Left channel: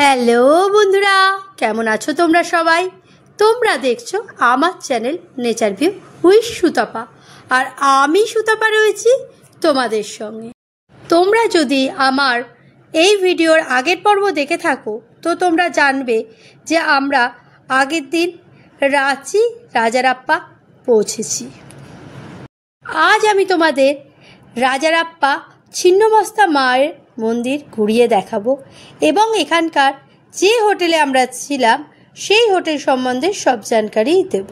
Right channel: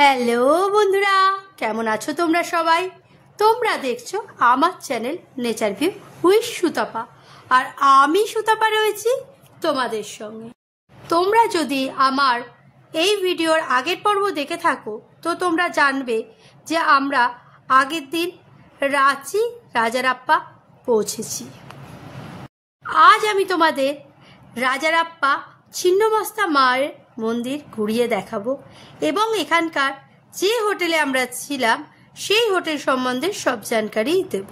Hello বন্ধুরা, কেমন আছো তোমরা সবাই? তোমরা দেখছো আমার channel nature view with Sutapa, আর আমি সুতপা রয়েছি তোমাদের সঙ্গে। তোমরা যদি আমার এই ভিডিওর আগের পর্ব দেখে থাকো তো তোমরা জানবে যে আমরা আগের দিন রাঁচি রাজারাপ্পা পৌঁছেছি। আজ আমি তোমাদের রাজারাপ্পা ছিন্নমস্তা মায়ের মন্দির ঘুরিয়ে দেখাবো এবং এখানকার যে হোটেলে আমরা ছিলাম সেই হোটেল সম্বন্ধে সব জানকারি দেব,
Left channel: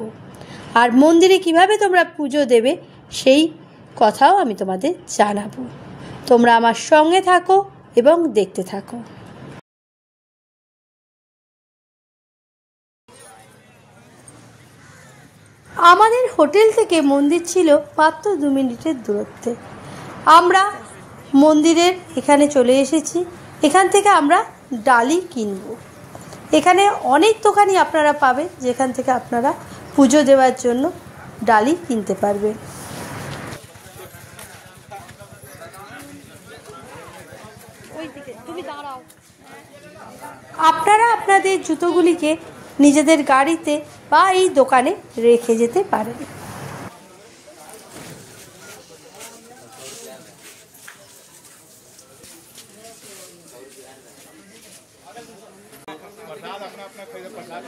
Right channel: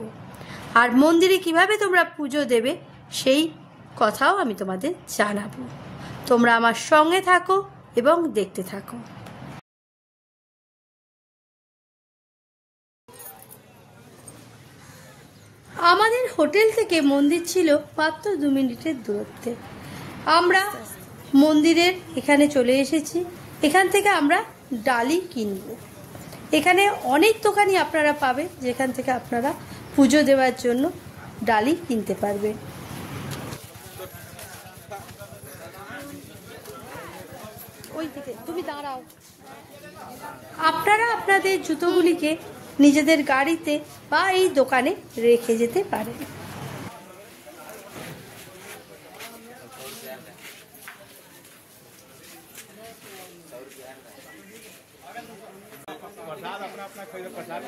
আর মন্দিরে কিভাবে তোমরা পুজো দেবে সেই কথাও আমি তোমাদের জানাবো। তোমরা আমার সঙ্গে থাকো এবং দেখতে থাকো। আমাদের হোটেল থেকে মন্দির ছিল মাত্র 2 মিনিটের দূরত্বে। আমরা মন্দিরের এখানে চলে এসেছি। এখান থেকে আমরা ডালি কিনব। এখানে অনেক দোকানই আপনারা পাবেন যেখান থেকে আপনারা পুজো দেওয়ার জন্য ডালি কিনতে পারবেন। আপনারা আপনাদের জুতোগুলিকে নিজেদের গাড়িতে বা এই দোকানে রেখে যেতে পারেন। प्रसाद अपना अपना प्रसाद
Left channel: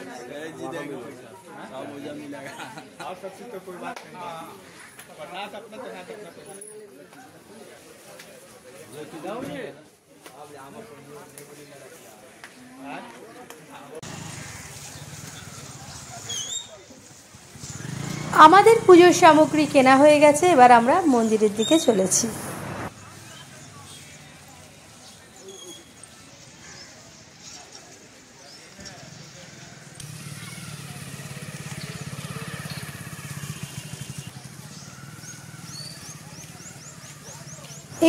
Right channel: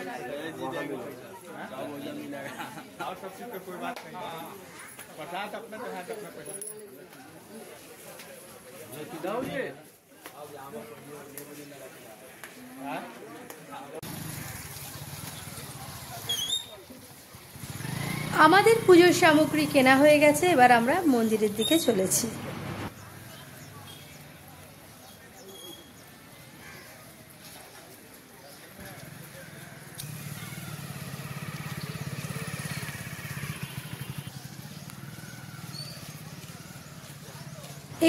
जी देंगे सब भोजन मिलेगा और सब चीज पे कोई बात नहीं। प्रसाद अपना प्रसाद अपना আমাদের পুজোর সামগ্রী কেনা হয়ে গেছে। এবার আমরা মন্দিরের দিকে চলেছি।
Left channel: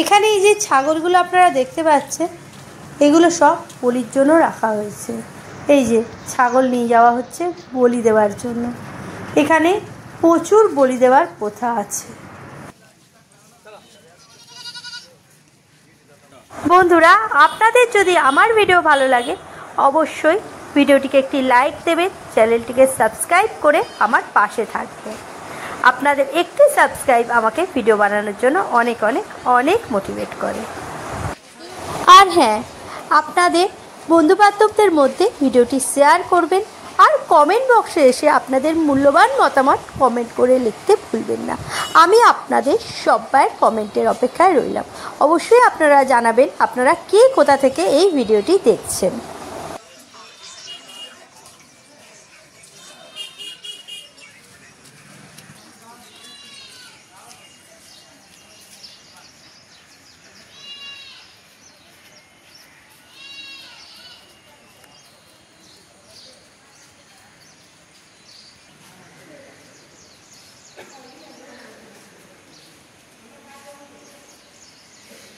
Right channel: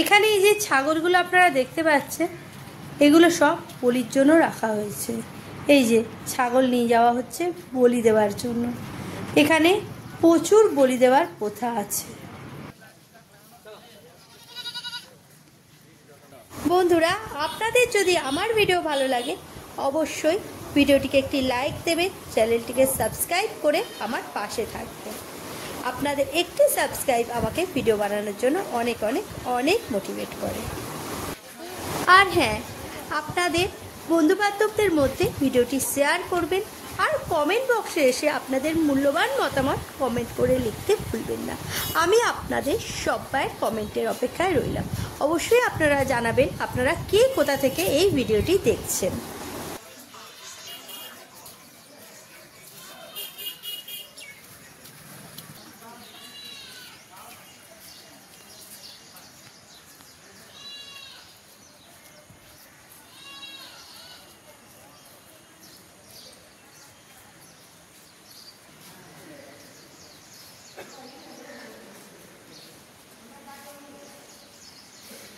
এখানে এই যে ছাগলগুলো আপনারা দেখতে পাচ্ছেন, এগুলো সব বলির জন্য রাখা হয়েছে। এই যে ছাগল নিয়ে যাওয়া হচ্ছে বলি দেওয়ার জন্য। এখানে প্রচুর বলি দেওয়ার প্রথা আছে। বন্ধুরা, আপনাদের যদি আমার ভিডিও ভালো লাগে অবশ্যই ভিডিওটিকে একটি লাইক দেবেন, চ্যানেলটিকে সাবস্ক্রাইব করে আমার পাশে থাকবেন। আপনাদের একটি সাবস্ক্রাইব আমাকে ভিডিও বানানোর জন্য অনেক অনেক অনেক মোটিভেট করে। আর হ্যাঁ, আপনাদের বন্ধুবান্ধবদের মধ্যে ভিডিওটি শেয়ার করবেন, আর কমেন্ট বক্সে এসে আপনাদের মূল্যবান মতামত কমেন্ট করে লিখতে ভুলবেন না। আমি আপনাদের সবার কমেন্টের অপেক্ষায় রইলাম। অবশ্যই আপনারা জানাবেন আপনারা কে কোথা থেকে এই ভিডিওটি দেখছেন।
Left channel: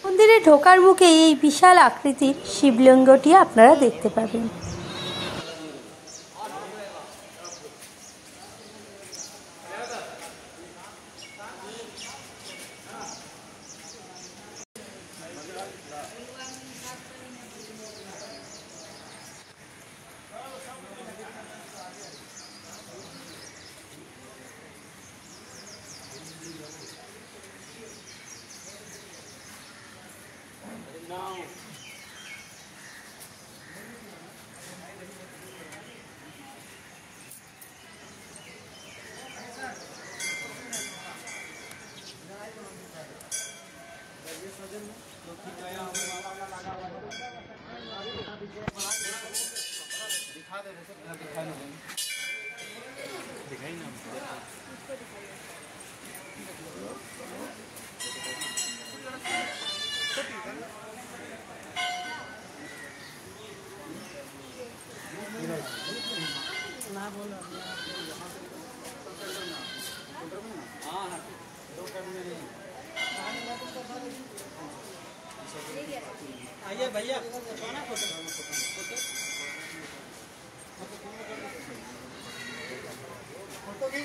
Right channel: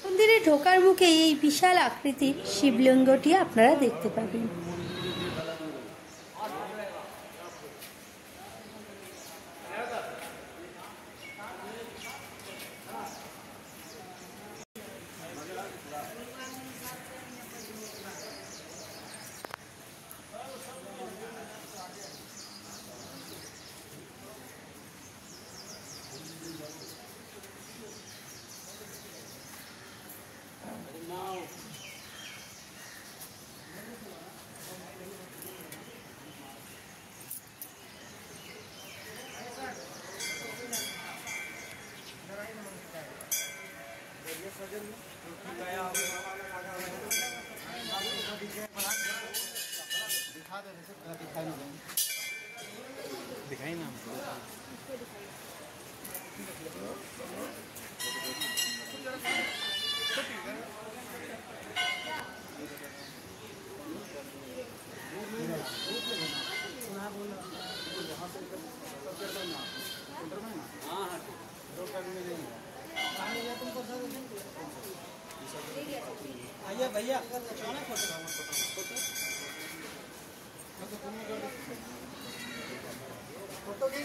মন্দিরে ঢোকার মুখে এই বিশাল আকৃতির শিবলিঙ্গটি আপনারা দেখতে পাবেন।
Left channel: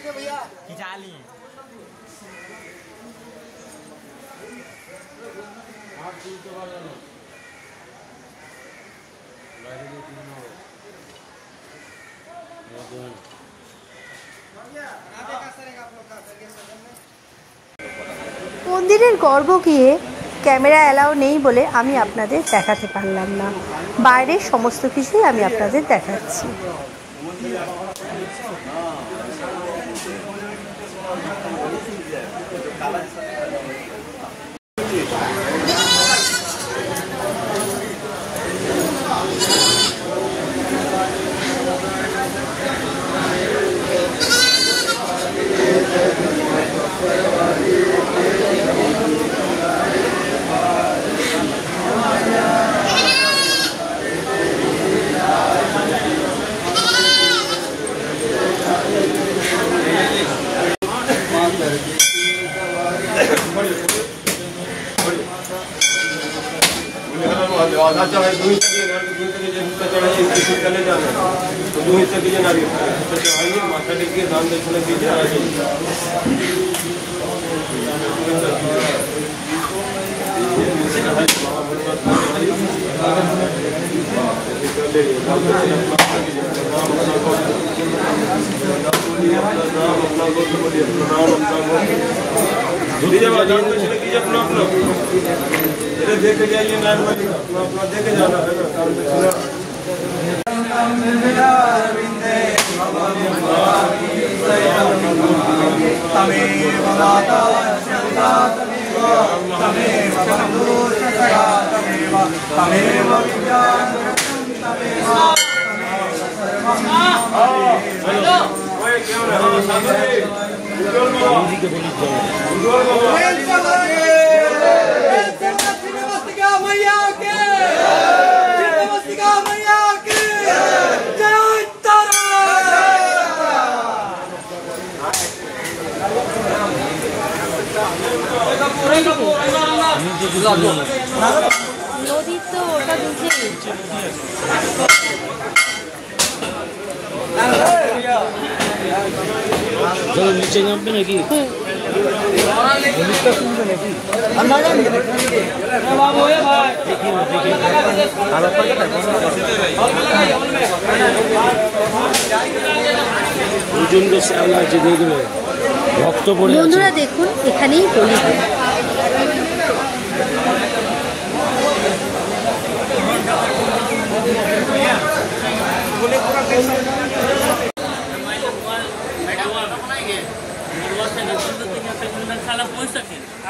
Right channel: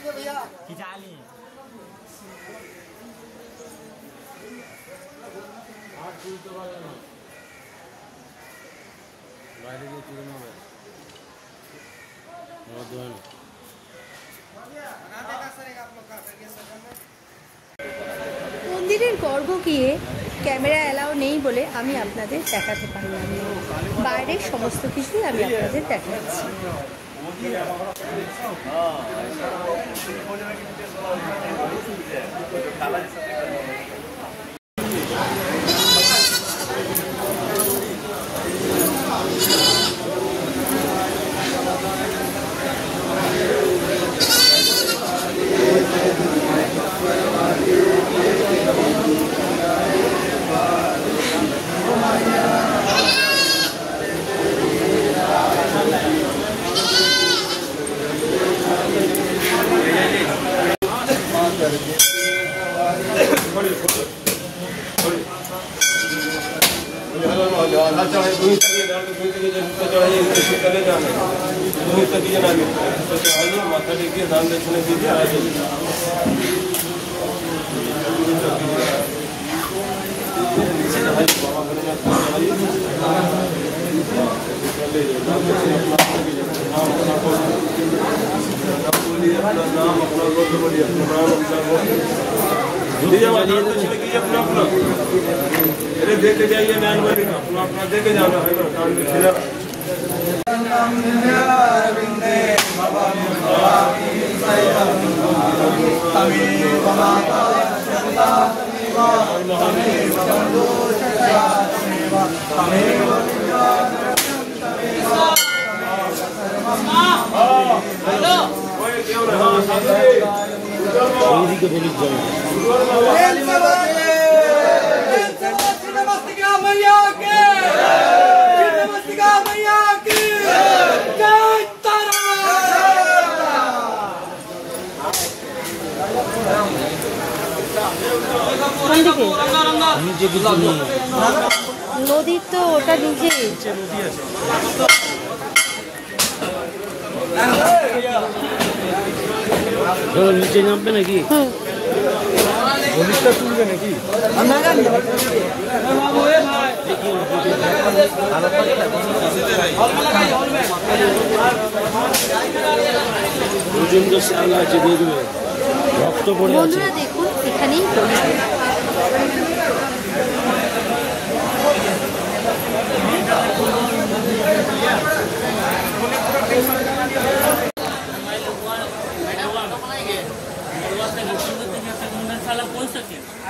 भैया खिंचा लिए মন্দিরের গর্ভ গিয়ে ক্যামেরা অ্যালাউ নেই বলে আমি আপনাদের দেখাতে পারলাম না। বাইরের সমস্ত কিছুই আমি আপনাদের দেখাচ্ছি। নদীর তো ওটা নিচে নিচে নামবে নাকি? বন্ধুরা দেখুন, এখানেই হোলি।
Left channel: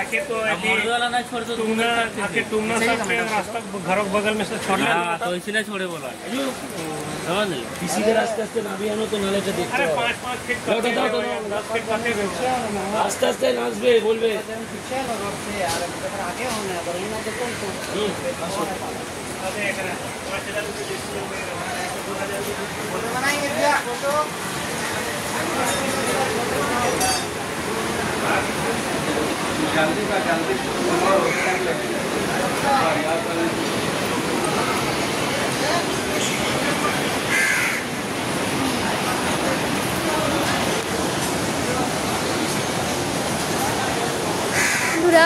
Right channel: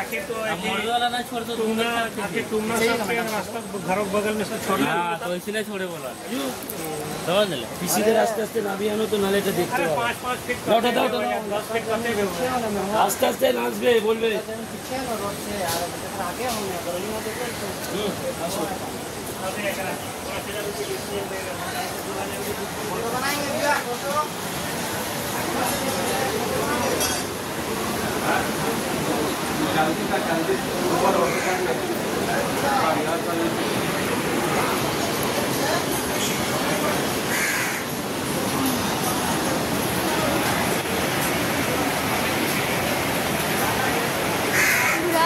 आखिर तो तुमना सर रास्ता घर बगल में से छोड़ना तो इसलिए छोड़े बोला किसी के रास्ते से ना भी आना तो नाले का देखते। अरे 5-5 फीट आस्ते आस्ते नाचबे बोलबे आगे होने बनाएंगे क्या फोटो।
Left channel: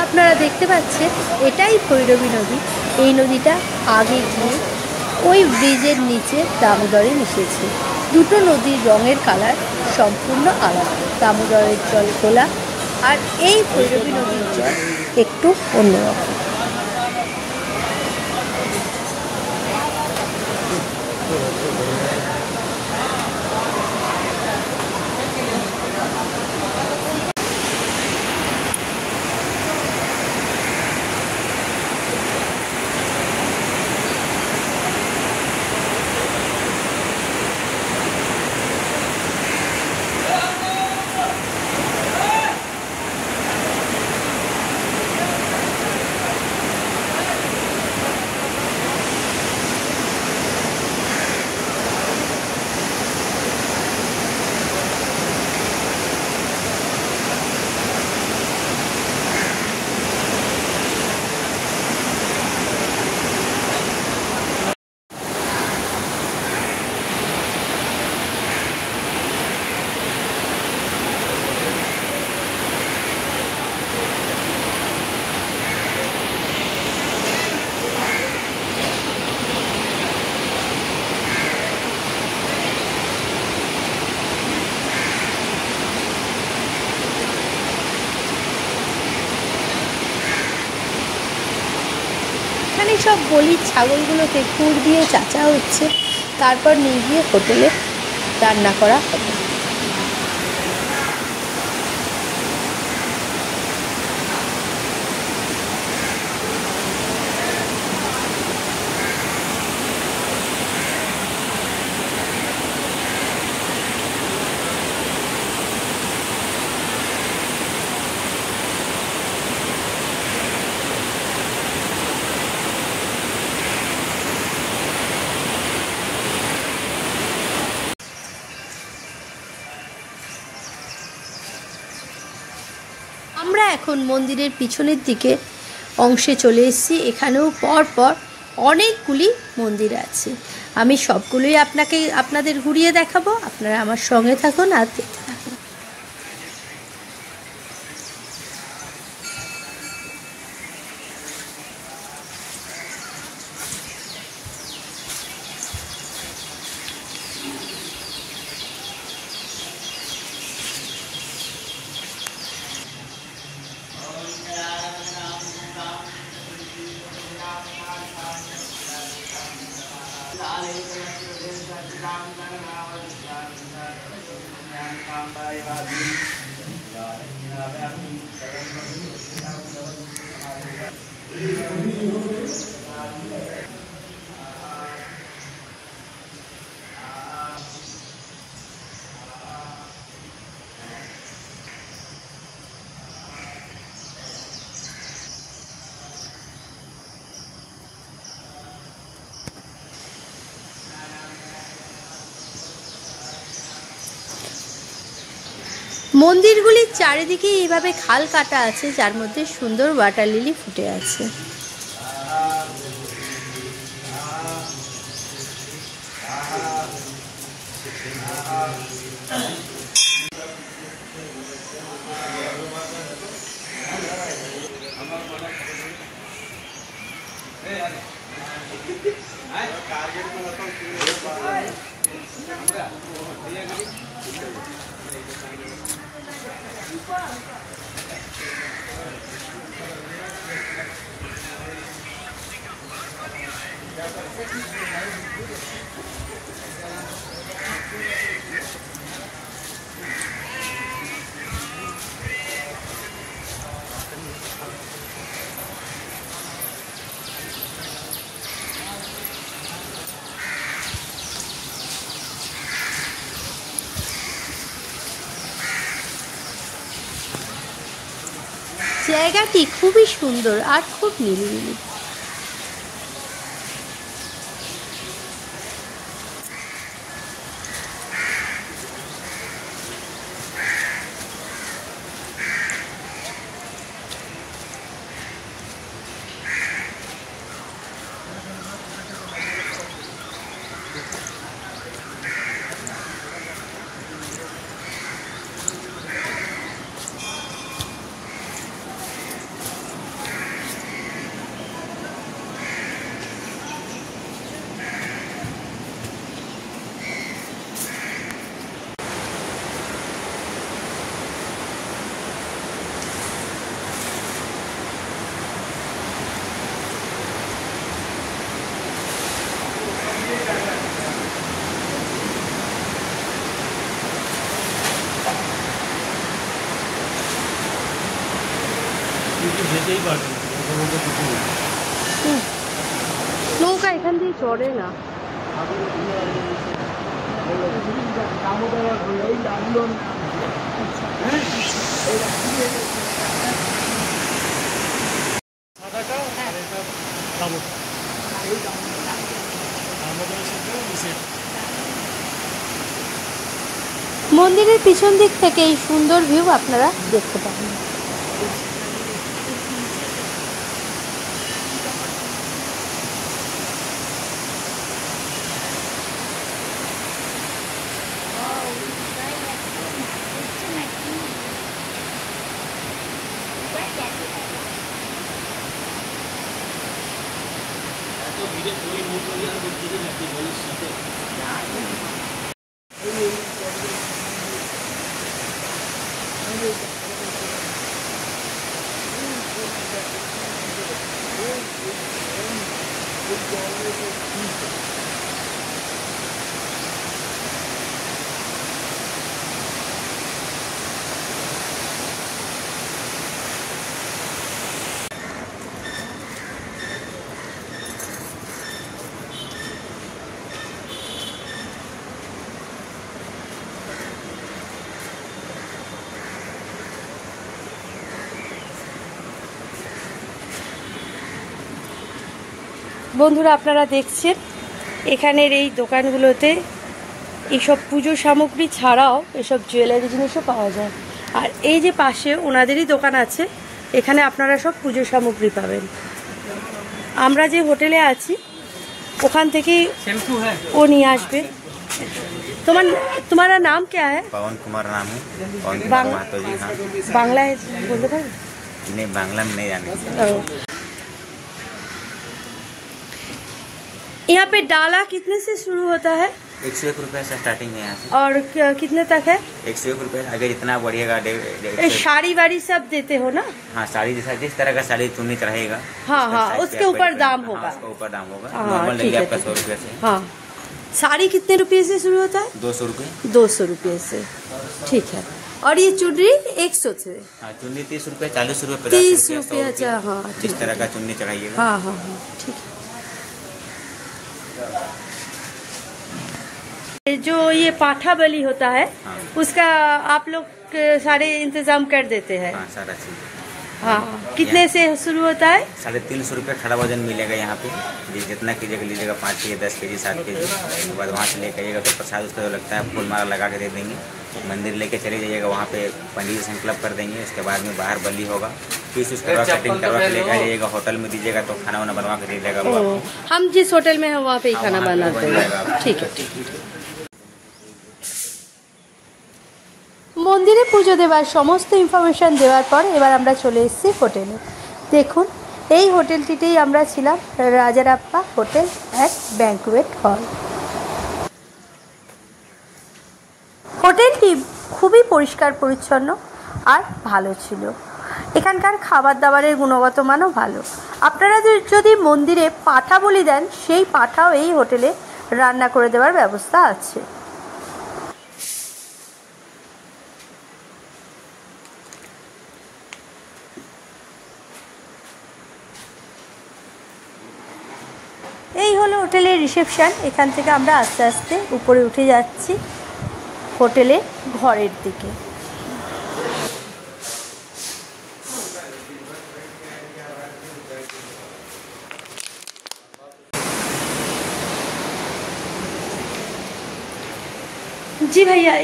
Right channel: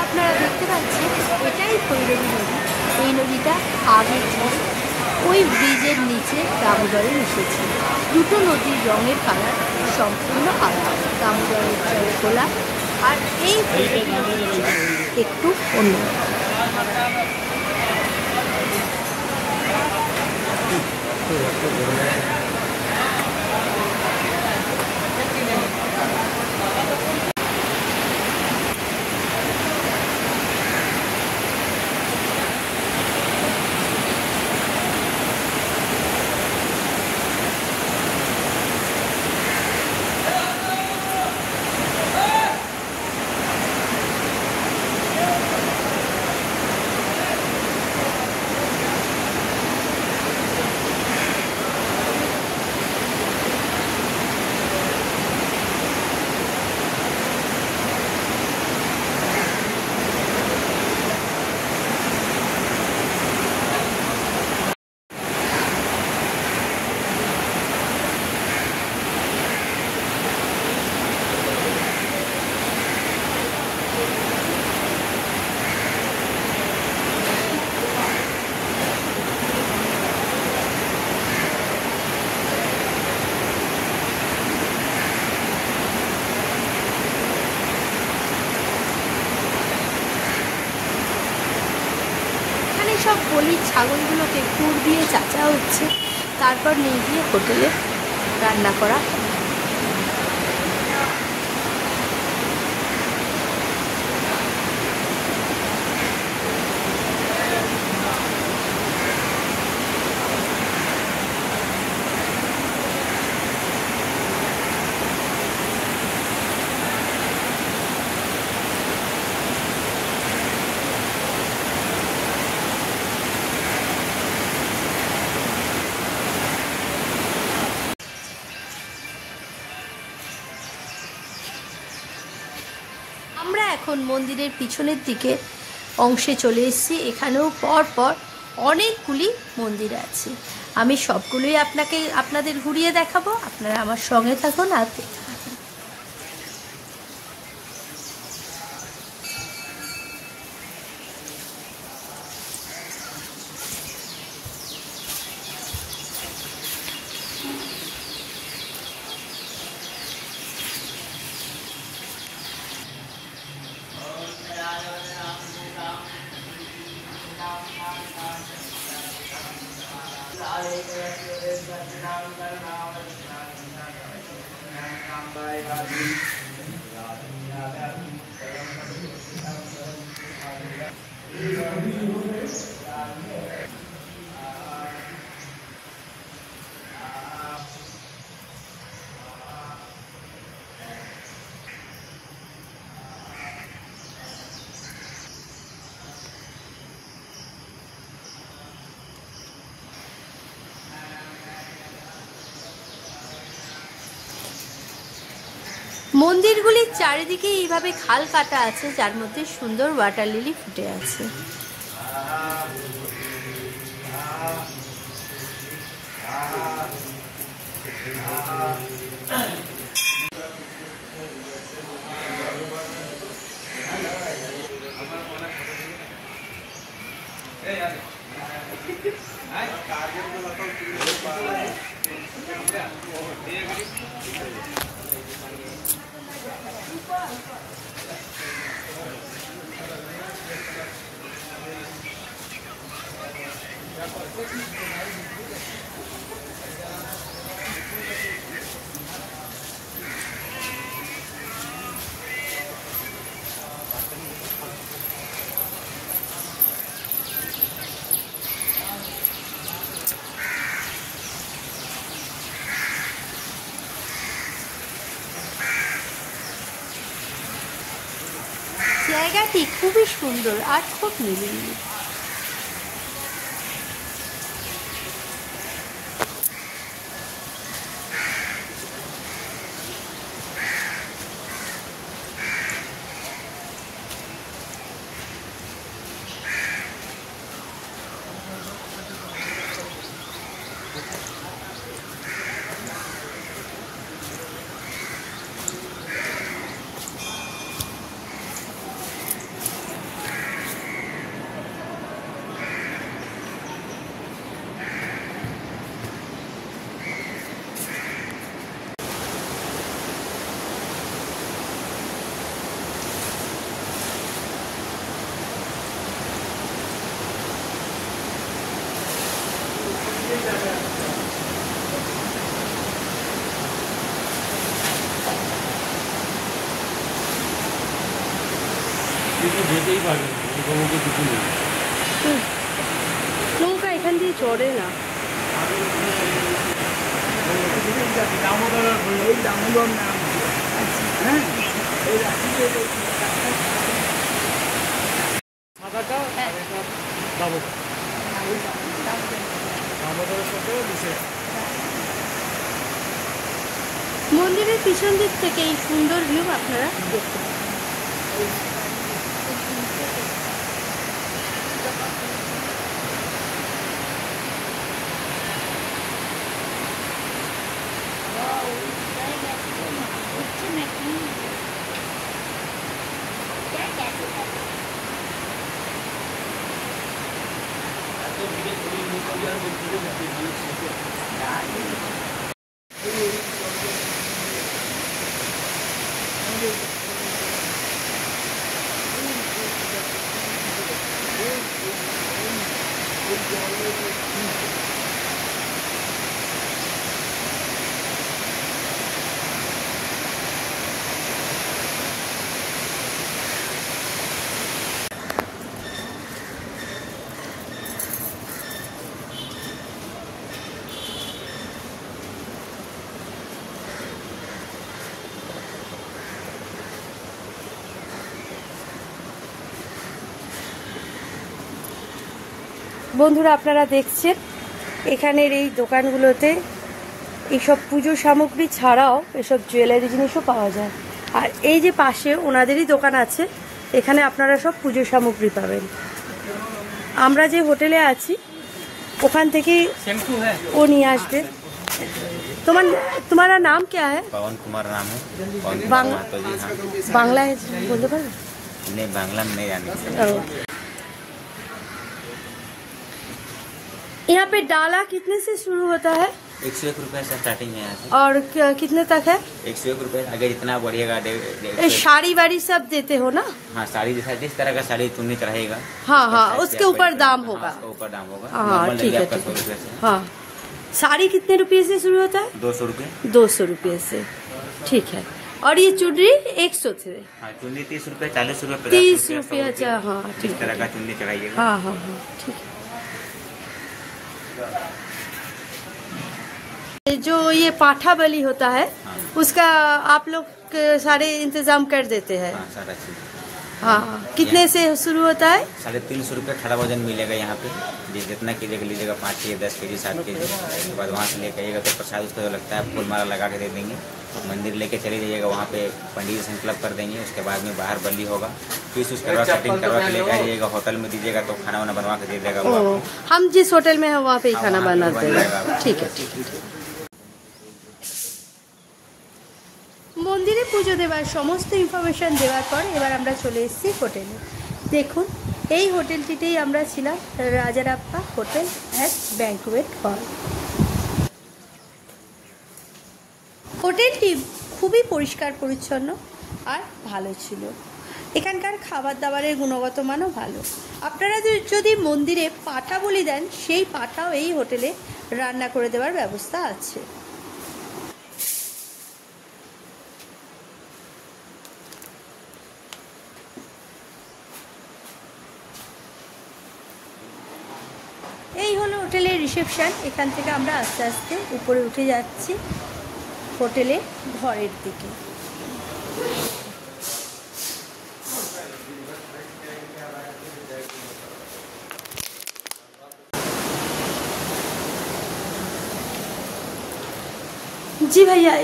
আপনারা দেখতে পাচ্ছেন এটাই ভৈরবী নদী। এই নদীটা আগে গিয়ে ওই ব্রিজের নিচে দামোদরে মিশেছে। দুটো নদীর রঙের কালার সম্পূর্ণ আলাদা। দামোদরের জল খোলা আর এই ভৈরবী নদীর জল একটু অন্যরকম। গলির ছাগলগুলোকে পুর দিয়ে চাচা হচ্ছে, তারপর নিয়ে গিয়ে হোটেলে রান্না করা। আমরা এখন মন্দিরের পিছনের দিকে অংশে চলে এসেছি। এখানেও পর পর অনেকগুলি মন্দির আছে। আমি সবগুলোই আপনাদের ঘুরিয়ে দেখাবো। আপনারা আমার সঙ্গে থাকুন আর দেখতে থাকুন। মন্দিরগুলির চারিদিকে এইভাবে খাল কাটা আছে, যার মধ্যে সুন্দর ওয়াটার লিলি ফুটে আছে। জায়গাটি খুবই সুন্দর আর খুব নিরিবিলি। নৌকা এখান দিয়ে চড়ে না। মন্দিরের পিছন দিক থেকে এই সুন্দর ভিউ আপনারা দেখতে পাবেন। বন্ধুরা আপনারা দেখছেন এখানের এই দোকানগুলোতে এইসব পুজো সামগ্রী ছাড়াও এসব জুয়েলারি জিনিসও পাওয়া যায়। আর এই যে পাশে ওনাদেরই দোকান আছে, এখানে আপনারা সব পুজো সামগ্রী পাবেন। আমরা যে হোটেলে আছি ওখান থেকে ও নিয়ে আসবে। तुम्हारा नाम क्या है? पवन कुमार नाम है। पवन महतो जी। हाँ, बांग्ला बोलते हैं? नहीं, बांग्ला में नहीं जाने। यहाँ पे डाला कितने से शुरू होता है? 101 रुपए से स्टार्टिंग है यहाँ से। और कितने तक है? 101 रुपए। अगर इतना बढ़िएगा साड़ी वाड़ी सब देते हो ना? हाँ, साड़ी जैसा जिस तरह का साड़ी चुन्नी चढ़ाएगा। हाँ हाँ, उसके ऊपर दाम होगा। उसके ऊपर दाम होगा। हाँ, ठीक है। 100 रुपए से। हाँ, साड़ी कितने रुपए से शुरू होता है? 200 रुपए। 200 रुपए से, ठीक है। और ये चुनरी 100 से? हाँ, चुन्नी 30 रुपए, 40 रुपए, 30 50 रुपए। अच्छा, हाँ, जिस तरह का चुन्नी चढ़ाइएगा। हाँ हाँ हाँ, ठीक है। जो ये पाठा बलि होता है, हाँ। उसका आप लोग सारे इंतजाम कर देते हैं? हाँ, सारा चीज। हाँ, कितने से शुरू होता है? 350 रुपए खड़ा वजन मिलेगा यहाँ पे। जितना कीजिएगा लीजिएगा, 5 केजी, 10 केजी, 7 केजी। उसके बाद वहाँ से लेकर आइएगा तो प्रसाद उसका जो लगता है फूल माला लगा के दे देंगे। मंदिर लेके चले जाइएगा, वहाँ पे पंडित जी संकल्प कर देंगे। उसके बाद में बाहर बंदी होगा, फिर उसके बाद सेटिंग करवा के लेकर जाइएगा। होटल में दीजिएगा तो खाना वाना बनवा के दे देगा। हम जिस होटल में हैं वहाँ पे ही खाना बनाते हैं। ठीक है, ठीक है। মন্দিরে পুজো দেওয়ার সমস্ত ইনফরমেশন দেওয়ার পর এবার আমরা চলে এসেছি হোটেলে। দেখুন এই হোটেলটিতেই আমরা ছিলাম, রাজারাপ্পা হোটেল অ্যাট ব্যাঙ্কুয়েট হল। হোটেলটি খুবই পরিষ্কার পরিচ্ছন্ন আর ভালো ছিল। এখানকার খাবার দাবারের গুণগত মানও ভালো। আপনারা যদি মন্দিরে পাঠা বলি দেন, সেই পাঠাও এই হোটেলে রান্না করে দেওয়ার ব্যবস্থা আছে। এই হলো হোটেলের রিসেপশন। এখান থেকে আমরা আস্তে আস্তে উপরে উঠে যাচ্ছি হোটেলের ঘরের দিকে। जी भैया,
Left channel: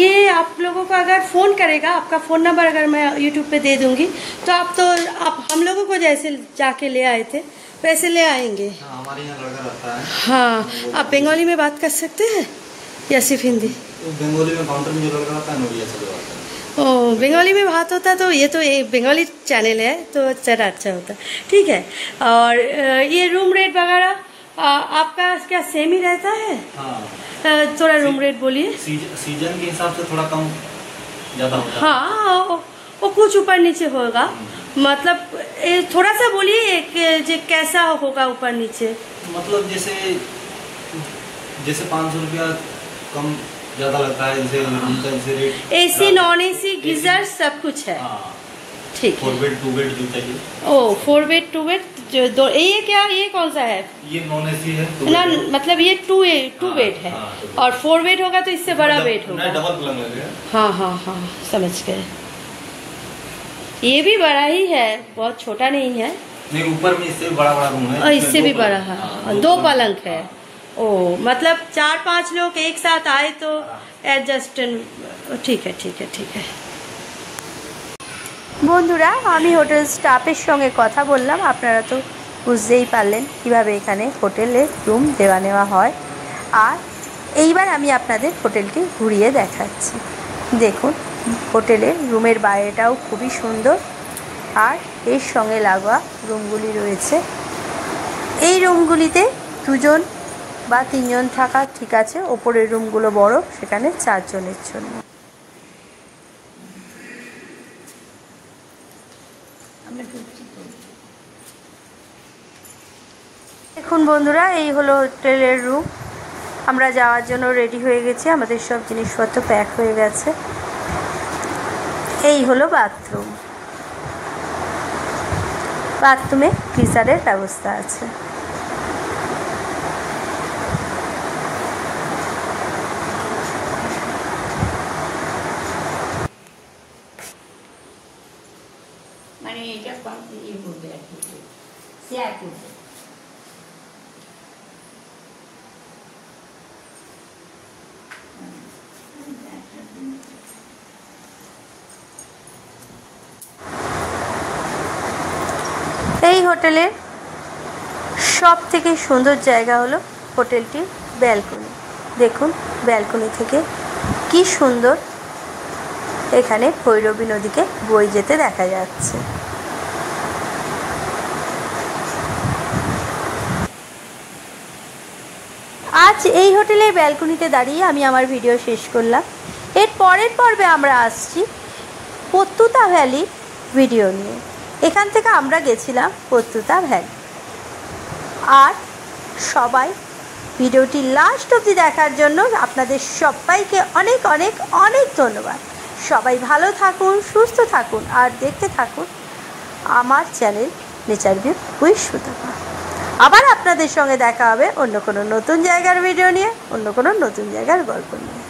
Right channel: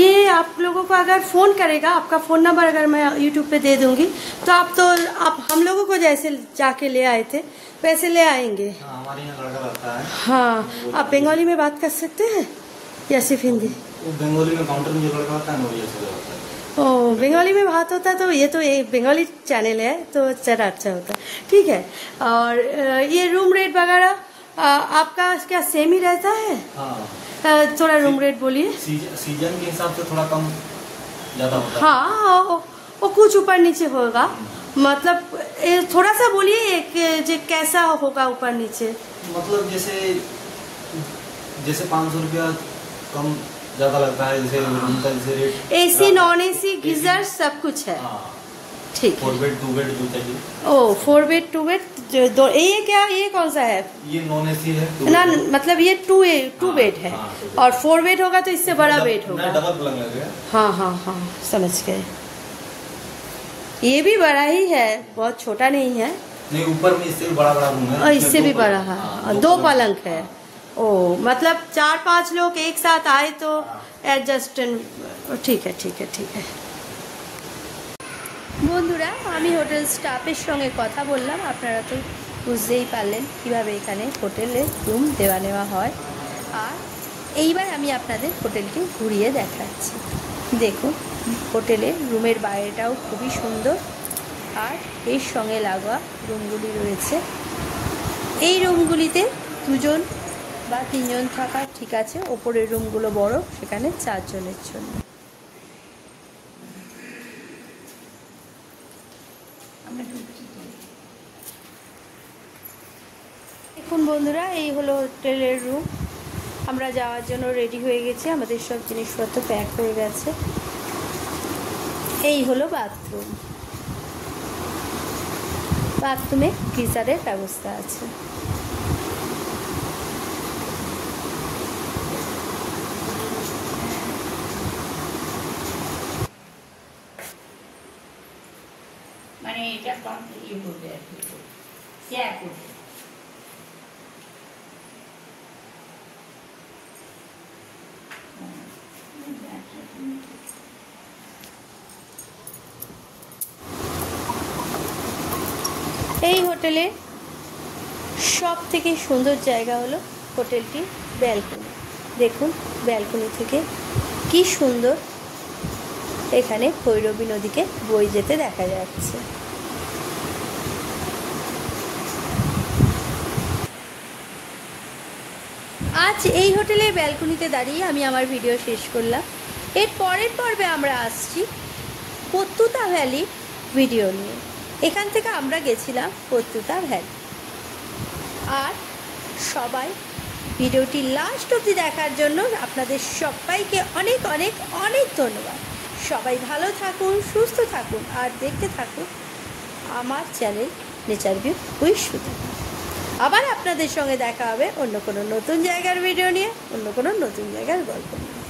ये आप लोगों को अगर फ़ोन करेगा, आपका फ़ोन नंबर अगर मैं यूट्यूब पे दे दूंगी तो आप हम लोगों को जैसे जाके ले आए थे वैसे ले आएंगे? हमारे यहाँ लड़का रहता है। हाँ, आप बंगाली में बात कर सकते हैं या सिर्फ हिंदी? बंगाली में काउंटर में जो लड़का होता है ना, ये सब होता है। ओ, बंगाली में बात होता तो ये तो एक बंगाली चैनल है तो ज़रा अच्छा होता। ठीक है। और ये रूम रेट वगैरह आपका क्या सेम ही रहता है? हाँ, थोड़ा रूम रेट बोलिए। सीजन के हिसाब से थोड़ा कम ज़्यादा होता है। हाँ, वो कुछ ऊपर नीचे होगा। मतलब थोड़ा सा बोलिए कि कैसा होगा ऊपर नीचे? मतलब जैसे 500 रुपया कम ज़्यादा लगता है। जैसे रूम का जैसे rate AC, non AC, geyser सब कुछ है। हाँ, ठीक है। 4 बेड 2 बेड जो चाहिए। ओ, 4 बेड 2 बेड दो। ये क्या, ये कौन सा है? ये नॉन एसी है ना, मतलब ये 2 बेड है। हाँ, और 4 बेड होगा तो इससे बड़ा बेड होगा। डबल पलंग लगेगा। हाँ हाँ हाँ, समझ गए। ये भी बड़ा ही है, बहुत छोटा नहीं है। नहीं, ऊपर में इससे भी बड़ा रूम है। और इससे भी बड़ा है। 2 पलंग है। ओ, मतलब 4-5 लोग एक साथ आए तो एडजस्ट। ठीक है, ठीक है, ठीक है। বন্ধুরা, আমি হোটেল স্টাফের সঙ্গে কথা বললাম। আপনারা তো বুঝতেই পারলেন কিভাবে এখানে হোটেলে রুম দেওয়া নেওয়া হয়। আর এইবার আমি আপনাদের হোটেলটি ঘুরিয়ে দেখাচ্ছি। দেখুন হোটেলের রুমের বাইরেটাও খুবই সুন্দর আর এর সঙ্গে লাগোয়া রুমগুলি রয়েছে। এই রুমগুলিতে 2 জন বা 3 জন থাকা ঠিক আছে। ওপরের রুমগুলো বড়, সেখানে 4 জনের জন্য। দেখুন বন্ধুরা, এই হলো হোটেলের রুম। আমরা যাওয়ার জন্য রেডি হয়ে গেছি, আমাদের সব জিনিসপত্র প্যাক হয়ে গেছে। এই হলো বাথরুম। বাথরুমে গিজারের ব্যবস্থা আছে। মানে এটা শেয়ার করবে। এই হোটেলের সব থেকে সুন্দর জায়গা হলো হোটেলটির ব্যালকনি। দেখুন ব্যালকনি থেকে কি সুন্দর এখানে ভৈরবী নদীকে বয়ে যেতে দেখা যাচ্ছে। আজ এই হোটেলের ব্যালকনিতে দাঁড়িয়ে আমি আমার ভিডিও শেষ করলাম। এর পরের পর্বে আমরা আসছি পত্তুতা ভ্যালি ভিডিও নিয়ে। এখান থেকে আমরা গেছিলাম পত্তুতা ভ্যালি। আর সবাই ভিডিওটি লাস্ট অবধি দেখার জন্য আপনাদের সবাইকে অনেক অনেক অনেক ধন্যবাদ। সবাই ভালো থাকুন, সুস্থ থাকুন আর দেখতে থাকুন আমার channel nature view with Sutapa. আবার আপনাদের সঙ্গে দেখা হবে অন্য কোনো নতুন জায়গার ভিডিও নিয়ে, অন্য কোনো নতুন জায়গার গল্প নিয়ে।